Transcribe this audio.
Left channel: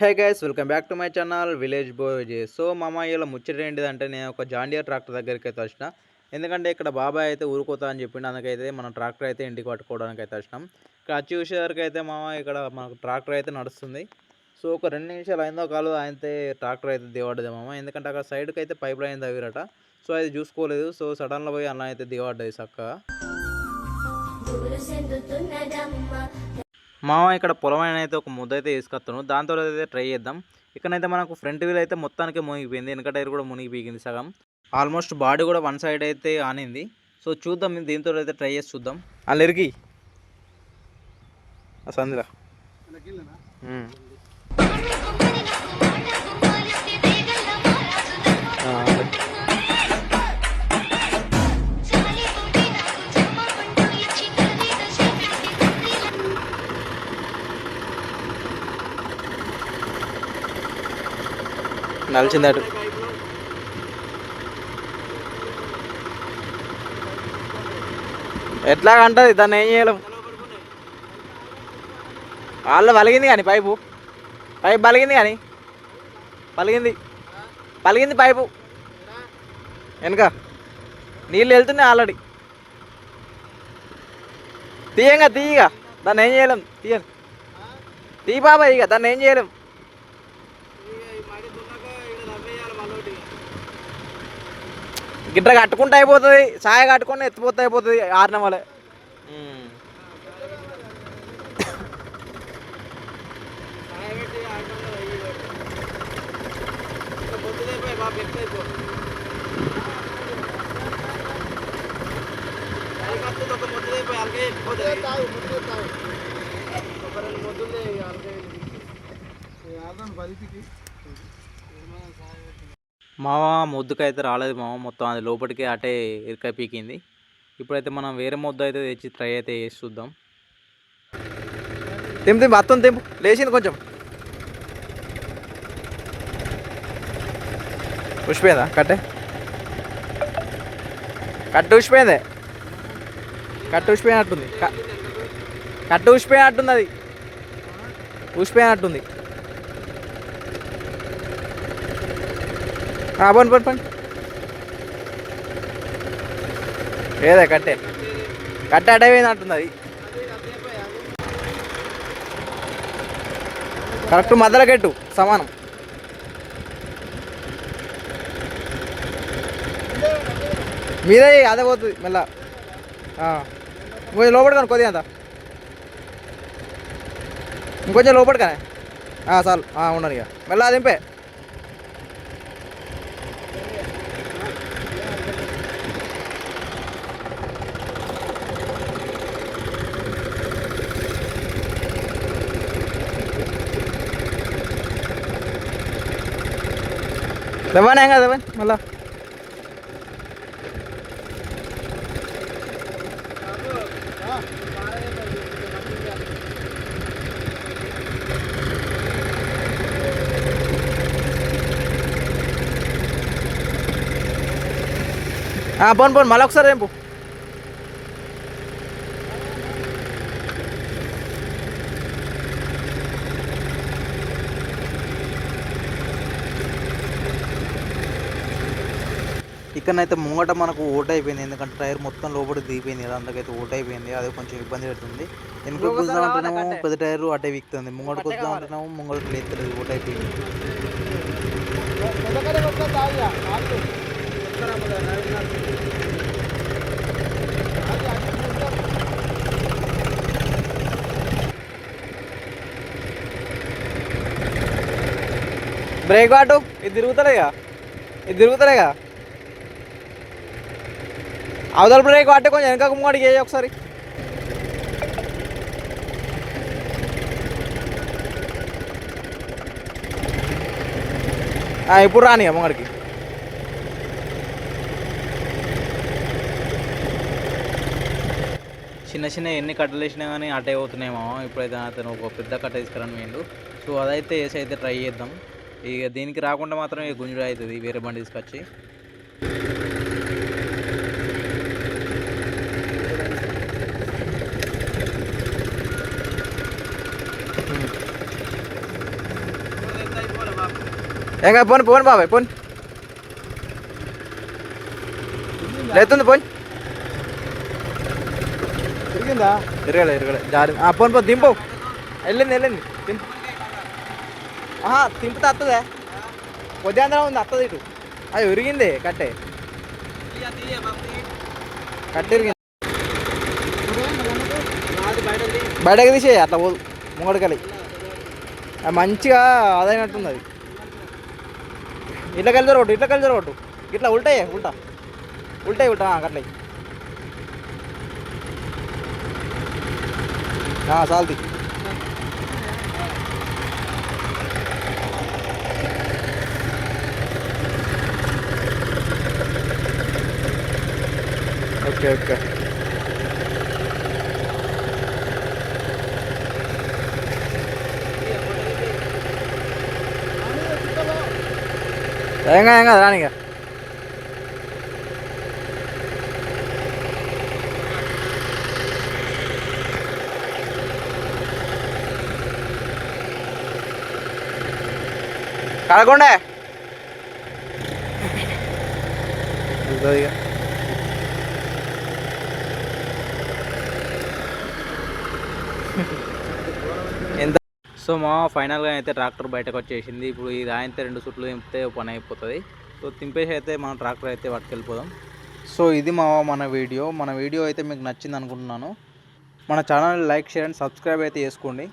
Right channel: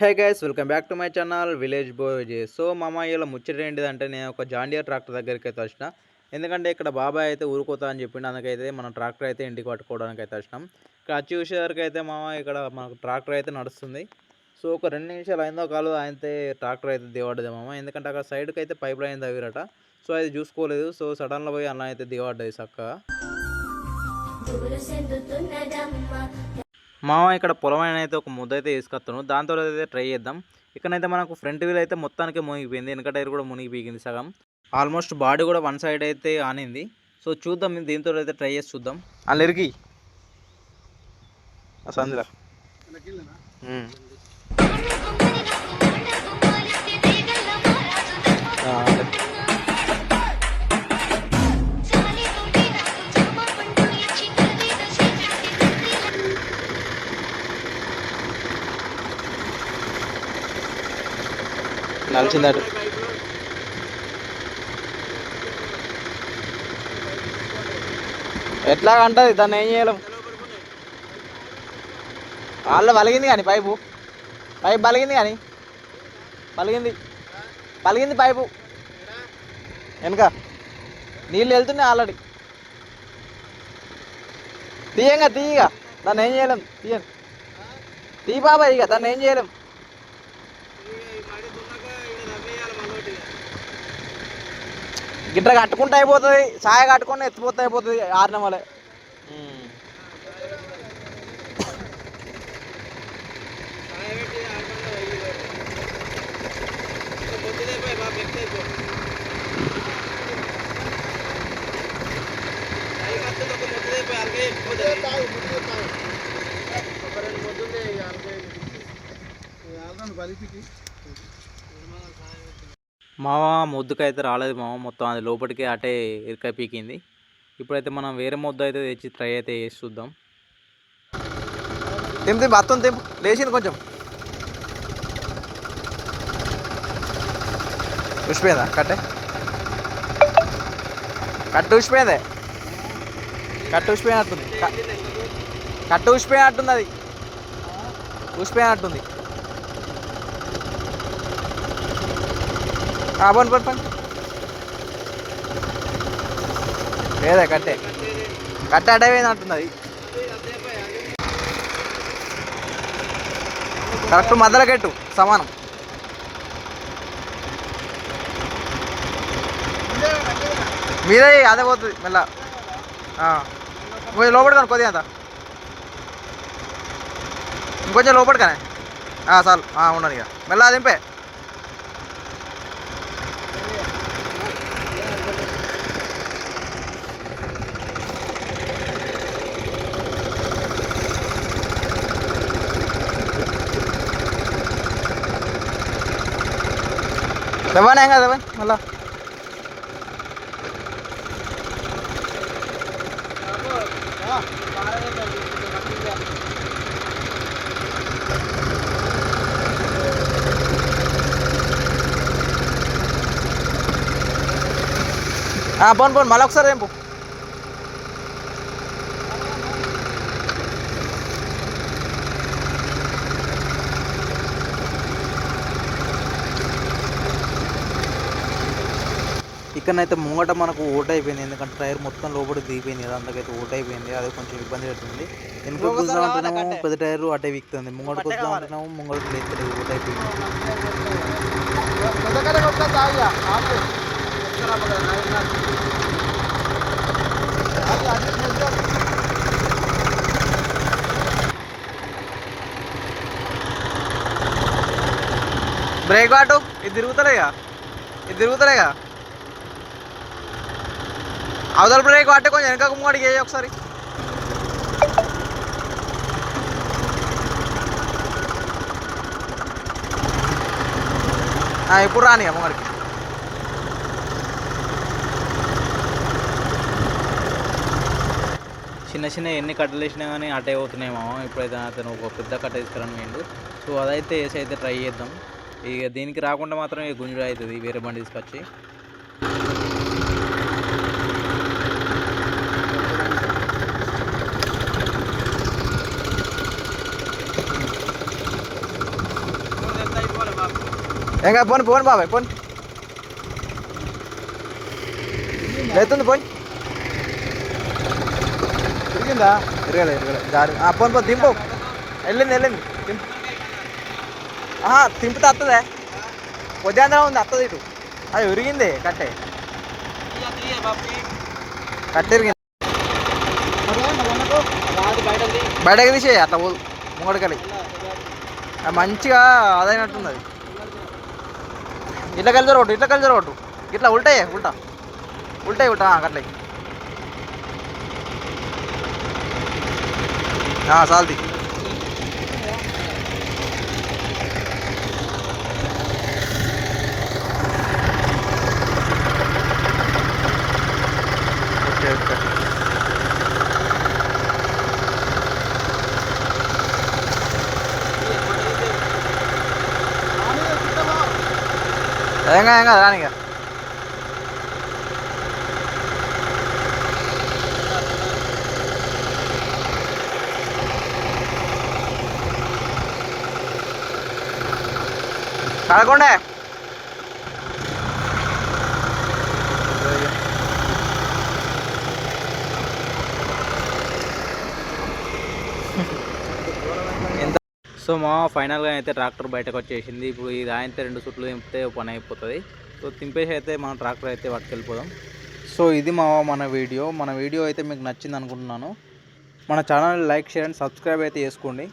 Hey guys, welcome back to my channel village boy Vijay. So మామ ఇలా ముచ్చట ఏంటిదంటే నేను ఒక జాండియర్ ట్రాక్టర్ దగ్గరికి అయితే వచ్చిన. ఎందుకంటే ఇక్కడ బాబాయ్ అయితే ఊరుకోతా అని చెప్పిండు. అందుకైతే మనం ట్రాక్టర్ అయితే ఇంటికి పట్టుకోవడానికి అయితే వచ్చినాం. ఇక్కడ వచ్చి చూసేసరికి అయితే మామ ఇక్కడ మనకు ట్రాక్టర్ అయితే నడుస్తుంది. సో ఒక 2 నిమిషాలు అయిందో కాలు అయితే ట్రాక్టర్ అయితే దిగబడ్డది మామ. ఎందుకంటే అక్కడ సైడ్కి అయితే పైప్ లైన్ తవ్విరట. సో అది చూసుకోలేదు. సో సడన్లో పోయి అలా అయితే దిగబడ్డది చక్కగా. మామ ఇక్కడ పొలం అయితే ఒక ముద్ద అయితే వేసుకొస్తాను. దాంతో అయితే ట్రై చేద్దాం. ఇక్కడైతే మనకు ఫ్రంట్ వీల్ అయితే మొత్తానికి మునిగిపోయింది. వెనక టైర్ కూడా మునిగిపోయింది సగం. ఆల్మోస్ట్ బాడీ కూడా వన్ సైడ్ అయితే ఆనింది. సో చూద్దాం, దీంతో అయితే ట్రై చేసి చూద్దాం. అల్లరికి సందిరా నలిచిందట. ఎట్లాగంటది, దాన్ని ఏం చేయలేం. వాళ్ళు పలిగింది కానీ పైపు పలిగింది కానీ పలిగింది పైపు వెనక నీళ్ళు వెళ్తున్నాయి ఆల్రెడీ. తీయగా దాన్ని ఏం చేయలేం. తీ బాబా, ఇక దాన్ని ఏం చేయలేం. గిట్ట కట్టుకుంటే అయిపోతుంది, సాయ కట్టుకొని ఎత్తిపోతే అయిపోతుంది. ఆరిన వాళ్ళే మామ మొద్దుకైతే రాలేదు మామ. మొత్తం అది లోపలికి అటే ఇరకాయ పీకింది. ఇప్పుడైతే మనం వేరే మొద్దు అయితే తెచ్చి ట్రై అయితే చేసి చూద్దాం. తెంపు అత్తం తెంపు లేచింది కొంచెం. ఉసిపోయిందా కట్టు ఉసిపోయిందే. కట్టు ఉసిపోయినట్టుంది. కట్టు ఉసిపోయినట్టుంది. అది ఉసిపోయినట్టుంది. పండి ఏదే కట్టే అడైపోయింది అంటుంది. అది కరెక్ట్ మధ్యలో కట్టు సమానం. మీదే అదే పోతుంది మెల్ల. లోపలికాను కొద్దిగా అంత ఇంకొంచెం లోపలికానే చాలు ఉండను. ఇక మెల్ల దింపే. దవ్వానే ఏం కదా మళ్ళా. పోను మళ్ళీ ఒకసారి రేపు. ఇక్కడనైతే ముంగట మనకు ఓట్ అయిపోయింది. ఎందుకంటే టైర్ మొత్తం లోపలికి దిగిపోయింది కదా, అందుకైతే ఓట్ అయిపోయింది. అది కొంచెం ఇబ్బంది పెడుతుంది. వెనుక కూర్చున్నా ఉంటున్నాము పెద్ద టైర్ అటే వీక్తుంది. ముంగట కూర్చున్నా ఉంటున్నాము ముంగట లేస్తలేదు. ఓట్ అయిపోయింది. బ్రేక్ వాటు ఇది తిరుగుతలేగా. అవతల బ్రేక్ వాటే కొంచెం వెనక ముంగడికి వేయి ఒకసారి. ఇప్పుడు రాని ముంగడికి. చిన్న ఎన్ని కట్టలు వేసినా కానీ అటే అవుతున్నాయేమో. ఇప్పుడైతే అతను ఒక పెద్ద కట్ట తీసుకురాని వేయండు. సో అదైతే వేసి అయితే ట్రై చేద్దాం. ఇక దీనికి రాకుండా మాత్రం ఇక గుంజుడు అవుతుంది వేరే బండి తీసుకొచ్చి. ఇంకా పోని పోని బాబాయ్ పోని లేతుంది పోని తిరిగిందా? తిరగలే జారి పోని పో దింపు వెళ్ళింది దింపు తింపితే వస్తుందే పొద్దుందరం ఉంది వస్తుంది ఇటు అది విరిగింది కట్టే ఇరిగింది బయటకు తీసేయి అట్లా పోదు ముంగడికెళ్ళి అది మంచిగా అదైనట్టుంది అది ఇట్లా కలిసి కొట్టు ఇట్లా ఉల్టాయి ఉల్టా అట్లా సాల్ది ఓకే ఏం కాదు రానిగా కడకుండా ఎంత సో మా ఫైనల్గా అయితే ట్రాక్టర్ బయటకు వచ్చేసింది. ఇప్పుడు ఇది అయితే 2 సుట్లు తింపితే పని అయిపోతుంది. సో తింపేసి అయితే మనం ట్రాక్టర్ అయితే పట్టుకెళ్ళిపోదాం. సో ఇది మన వీడియో అయితే మీకు నచ్చింది అనుకుంటున్నాను. మన channel like share and subscribe అయితే చేసుకోండి.